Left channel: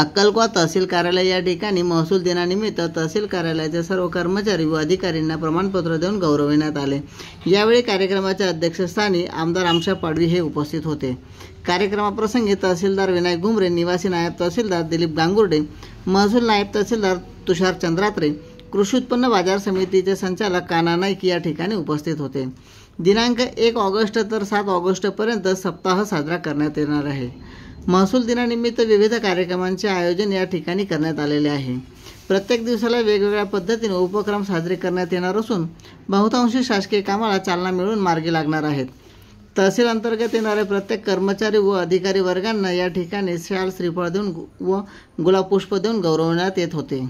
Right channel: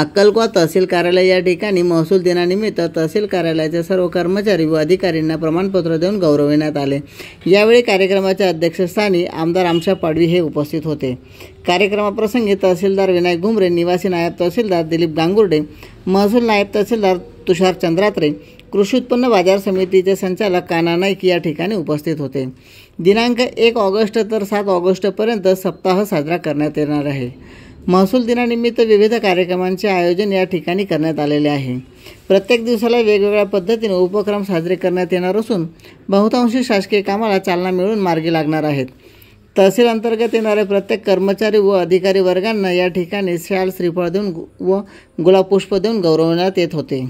अक्कलकोवा तहसील कार्यालय या ठिकाणी महसूल दिनानिमित्त तहसील कार्यालयाचे सर्व कर्मचारी व अधिकाऱ्यांना प्रमाणपत्र देऊन गौरविण्यात आले। यावेळी कार्यक्रमाच्या अध्यक्षस्थानी आमदार आमशा पाडवी हे उपस्थित होते। कार्यक्रमाप्रसंगी तहसीलदार विनायक घुमरे, निवासी नायब तहसीलदार दिलीप गांगुर्डे, महसूल नायब तहसीलदार तुषार चंद्रात्रे, कृषी उत्पन्न बाजार समितीचे संचालक कान्हा नाईक या ठिकाणी उपस्थित होते। दिनांक 1 ऑगस्ट तर 7 ऑगस्टपर्यंत सप्ताह साजरा करण्यात येणार आहे। महसूल दिनानिमित्त विविध कार्यक्रमांचे आयोजन या ठिकाणी करण्यात आलेले आहे। प्रत्येक दिवसाला वेगवेगळ्या पद्धतीने उपक्रम साजरे करण्यात येणार असून बहुतांशी शासकीय कामाला चालना मिळून मार्गी लागणार आहेत। तहसील अंतर्गत येणारे प्रत्येक कर्मचारी व अधिकारी वर्गांना या ठिकाणी शाल, श्रीफळ देऊन व गुलाब पुष्प देऊन गौरवण्यात येत होते।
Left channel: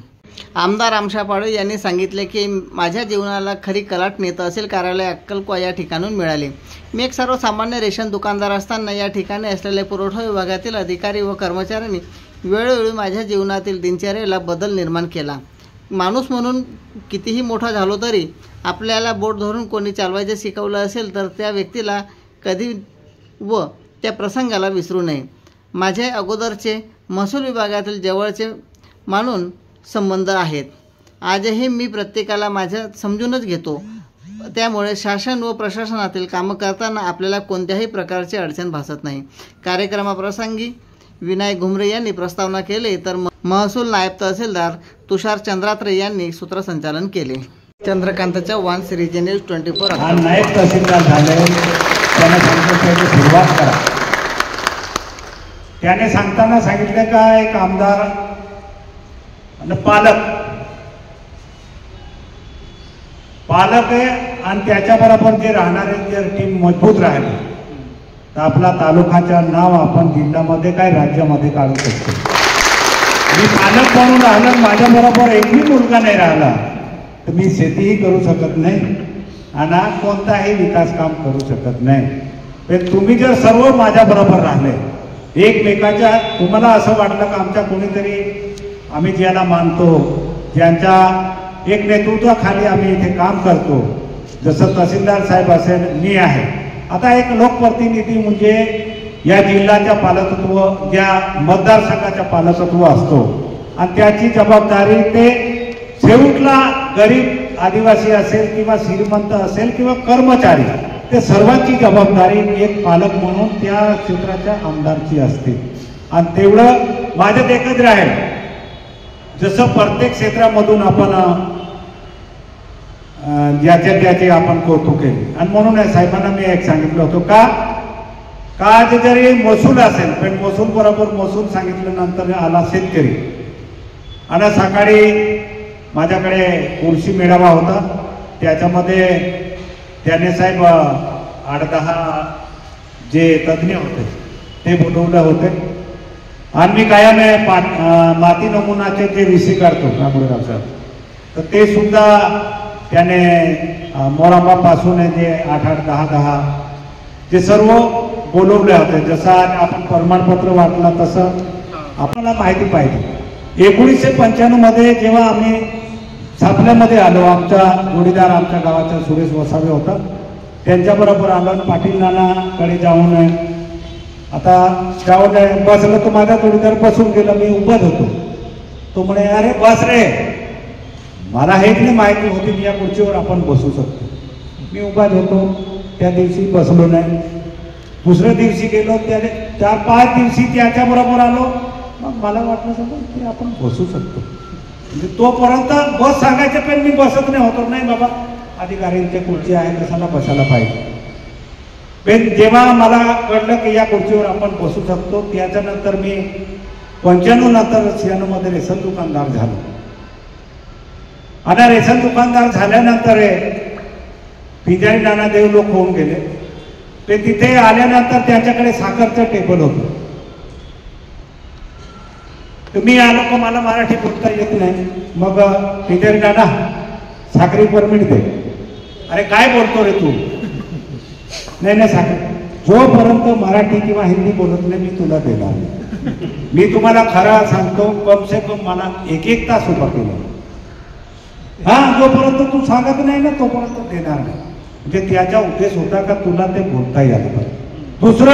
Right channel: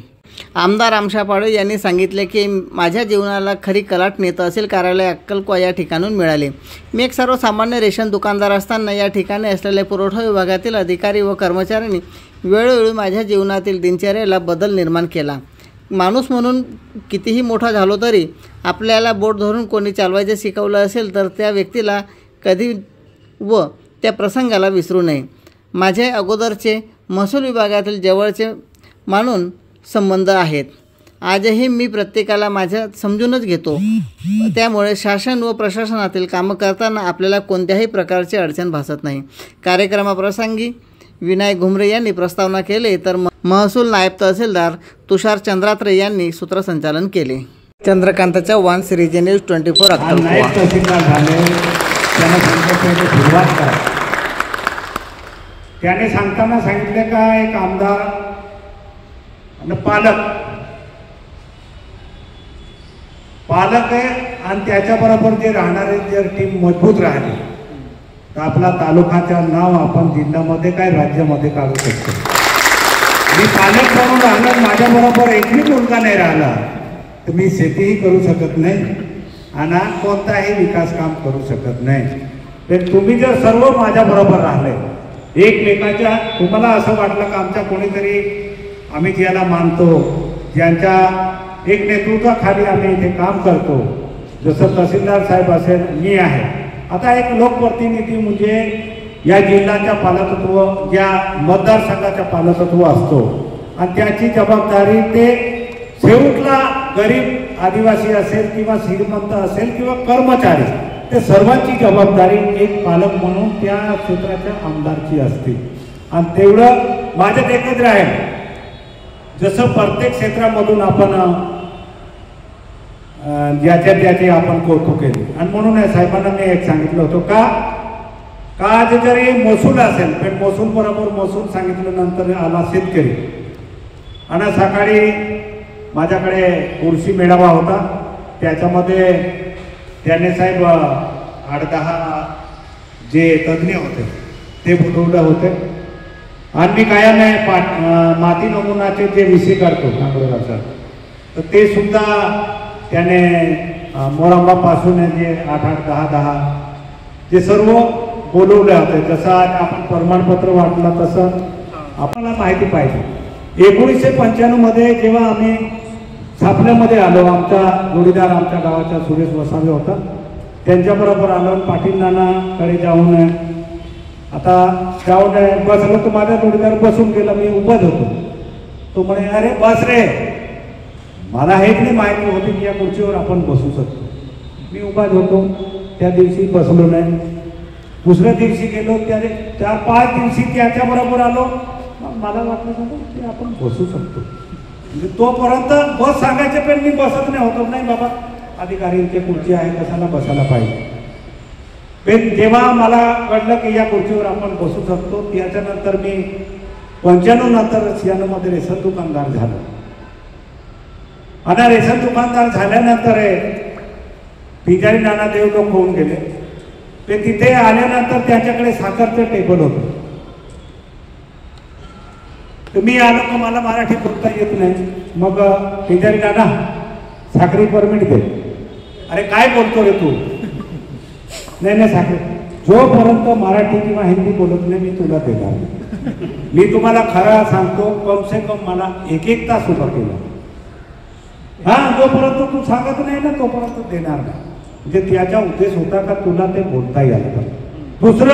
आमदार आमशा पाडवी यांनी सांगितले की माझ्या जीवनाला खरी कलाटणी तहसील कार्यालय अक्कलकोवा या ठिकाणून मिळाली। मी एक सर्वसामान्य रेशन दुकानदार असताना या ठिकाणी असलेल्या पुरवठा विभागातील अधिकारी व कर्मचाऱ्यांनी वेळोवेळी माझ्या जीवनातील दिनचर्येला बदल निर्माण केला। माणूस म्हणून कितीही मोठा झालो तरी आपल्याला बोट धरून कोणी चालवायचे शिकवलं असेल तर त्या व्यक्तीला कधी व त्या प्रसंगाला विसरू नये। माझे अगोदरचे महसूल विभागातील जवळचे मानून संबंध आहेत। आजही मी प्रत्येकाला माझ्या समजूनच घेतो, त्यामुळे शासन व प्रशासनातील कामं करताना आपल्याला कोणत्याही प्रकारची अडचण भासत नाही। कार्यक्रमाप्रसंगी विनायक घुमरे यांनी प्रस्तावना केली तर महसूल नायब तहसीलदार तुषार चंद्रात्रे यांनी सूत्रसंचालन केले। चंद्रकांत चव्हाण, श्रीजी न्यूज 24 नायब तहसीलदार झाले त्याने सांगताना सांगितले का एक आमदार आणि पालक आहे आणि त्याच्याबरोबर जे राहणारे जर टीम मजबूत राहिली तर आपला तालुकाच्या नाव आपण जिल्ह्यामध्ये काय राज्यामध्ये काढू शकतो। मी पालक म्हणून राहणार, माझ्याबरोबर एकही मुलगा नाही राहिला तर मी शेतीही करू शकत नाही आणि कोणताही विकास काम करू शकत नाही। पण तुम्ही जर सर्व माझ्याबरोबर राहिले एकमेकाच्या, तुम्हाला असं वाटलं का आमच्या कोणीतरी आम्ही ज्याला मानतो, ज्यांच्या एक नेतृत्वाखाली आम्ही इथे काम करतो, जसं तहसीलदार साहेब असेल, मी आहे, आता एक लोकप्रतिनिधी म्हणजे या जिल्ह्याच्या पालकत्व, ज्या मतदारसंघाच्या पालकत्व असतो आणि त्याची जबाबदारी ते शेवटला गरीब आदिवासी असेल किंवा श्रीमंत असेल किंवा कर्मचारी, ते सर्वांची जबाबदारी एक पालक म्हणून त्या क्षेत्राच्या आमदारची असते। आणि तेवढं माझ्यात एकच राहील, जसं प्रत्येक क्षेत्रामधून आपण ज्याचे आपण कौतुक केले आणि म्हणून साहेबांना मी एक सांगितलं होतं का आज जरी महसूल असेल पण महसूल बरोबर महसूल सांगितल्यानंतर आला शेतकरी। आणि सकाळी माझ्याकडे कृषी मेळावा होता, त्याच्यामध्ये त्याने साहेब 8-10 जे तज्ज्ञ होते ते बोलवले होते आणि मी कायम माती नमुनाचे जे विषय करतो तर ते सुद्धा त्याने मोराबापासून जे 8-10 जे सर्व बोलवले होते। जसं आज आपण प्रमाणपत्र वाटलं तसं आपल्याला माहिती पाहिजे। 1995 मध्ये जेव्हा आम्ही छापण्यामध्ये आलो, आमचा जोडीदार आमच्या गावाचा सुरेश वसावे होता, त्यांच्याबरोबर आलो आणि पाटील नानाकडे जाऊन आता जाऊन बसलो तर माझा जोडीदार बसून गेला, मी उभत होतो। तो म्हणे अरे बस रे, मला हेच नाही माहिती होती की या खुर्चीवर आपण बसू शकतो। मी उभत होतो, त्या दिवशी बसलो नाही। दुसऱ्या दिवशी गेलो, त्या 4-5 दिवशी त्याच्याबरोबर आलो, मग मला वाटलं की आपण बसू शकतो। म्हणजे तोपर्यंत बस सांगायचे पण मी बसत नाही होतो, नाही बाबा अधिकाऱ्यांची खुर्ची आहे कशाला बसायला पाहिजे। पण जेव्हा मला कळलं की या खुर्चीवर आपण बसू शकतो, त्याच्यानंतर मी 95 नंतर 96 मध्ये रेशन दुकानदार झालो। आणि रेशन दुकानदार झाल्यानंतर पिंजारी नानादेव लोक होऊन गेले, ते तिथे आल्यानंतर त्यांच्याकडे साखरचं टेबल होतं। मी आलो का मला मराठी बोलता येत नाही, मग पिंजारी नाना साखरी परमिट दे। अरे काय बोलतो रे तू? नाही साखर, जोपर्यंत मराठी किंवा हिंदी बोलत नाही मी तुला देणार नाही। मी तुम्हाला खरं सांगतो, कम से कम मला 1 तास उभा केला, जोपर्यंत तू सांगत नाही ना तोपर्यंत देणार नाही। म्हणजे त्याचा उद्देश होता का तुला ते बोलता यायला पाहिजे। दुसरं